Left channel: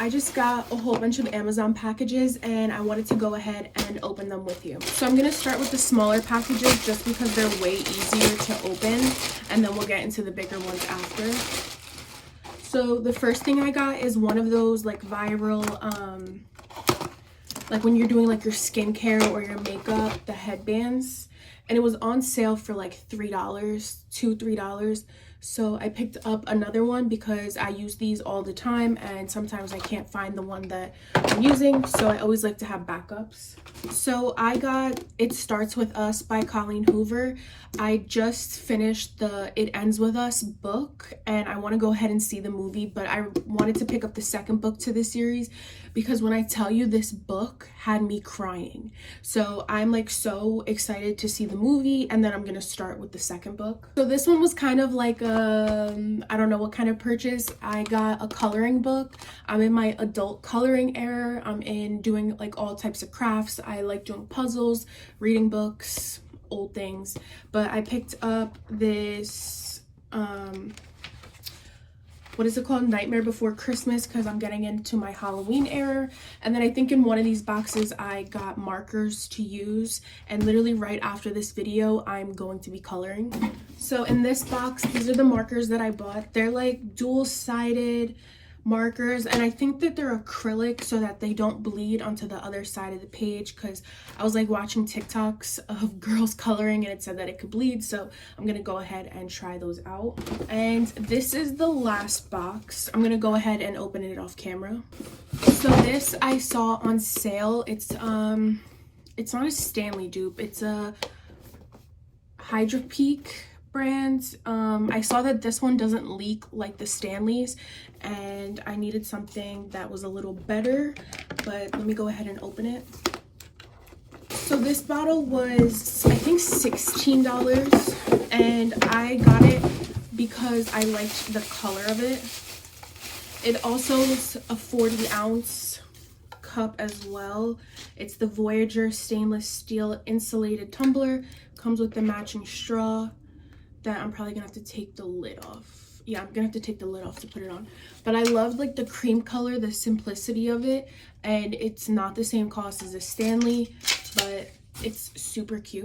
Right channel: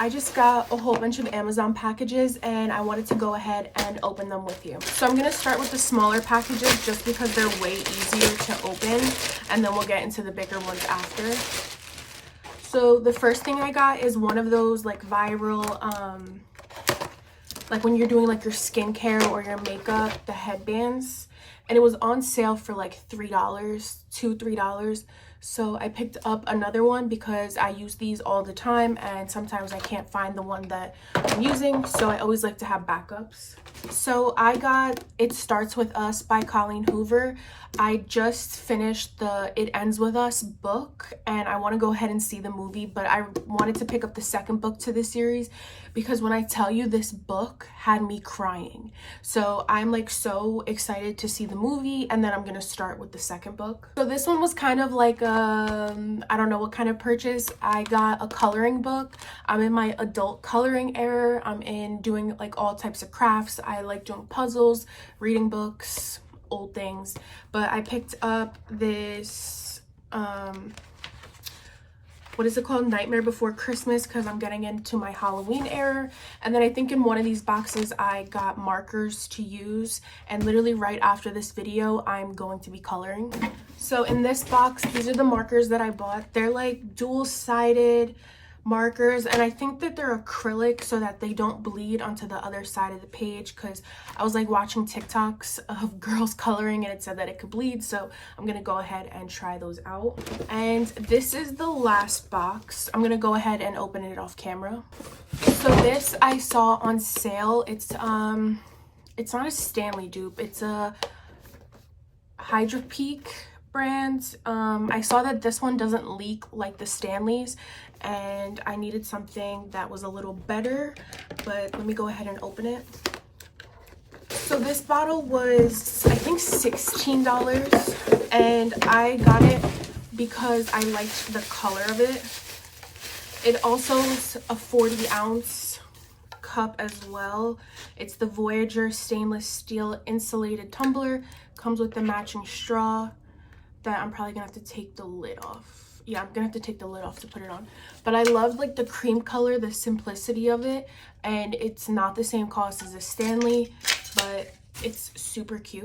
I just got a whole bunch of Amazon packages and I wanted to go ahead and open them with you. So I'm going to start with the smaller packages just because they're way easier to open, and then we'll get into the bigger ones after. So the first thing I got is one of those like viral, like when you're doing like your skincare or your makeup, the headbands. And it was on sale for like $3, $3. So I picked up another one because I use these all the time and sometimes I can't find the one that I'm using, so I always like to have backups. So I got It Starts With Us by Colleen Hoover. I just finished the It Ends With Us book and I want to go ahead and see the movie, but I wanted to pick up the second book to this series because when I tell you, this book had me crying. So I'm like so excited to see the movie, and then I'm gonna start with the second book. So this one was kind of like I don't know what kind of purchase. I got a coloring book. I'm in my adult coloring era. I'm in doing like all types of crafts. I like doing puzzles, reading books, old things. But I picked up this what is it called, Nightmare Before Christmas, because I'm getting into my Halloween era. And then I think in one of these boxes I got markers to use, and literally right after this video I'm going to be coloring. So in this box, these are the markers that I bought. They're like dual-sided markers, and I think that they're acrylic so that they don't bleed onto the other side of the page, because I was like watching TikToks of girls coloring and it said that it could bleed, so I'm gonna go ahead and try those out. And this is the last box. I'm gonna go ahead and open it off camera. So this I saw on sale. It's not a Stanley dupe, it's a Hydro Peak brand. I saw that this one doesn't leak like the Stanleys, and I needed something that was a little better, but let me go ahead and open it. So this bottle was, I think, $16, and I got it because I liked the color of it. It also is a 40-ounce cup as well. It's the Voyager stainless steel insulated tumbler. Comes with the matching straw that I'm probably gonna have to take the lid off. Yeah, I'm gonna have to take the lid off to put it on. But I love like the cream color, the simplicity of it, and it's not the same cost as a Stanley, but it's super cute.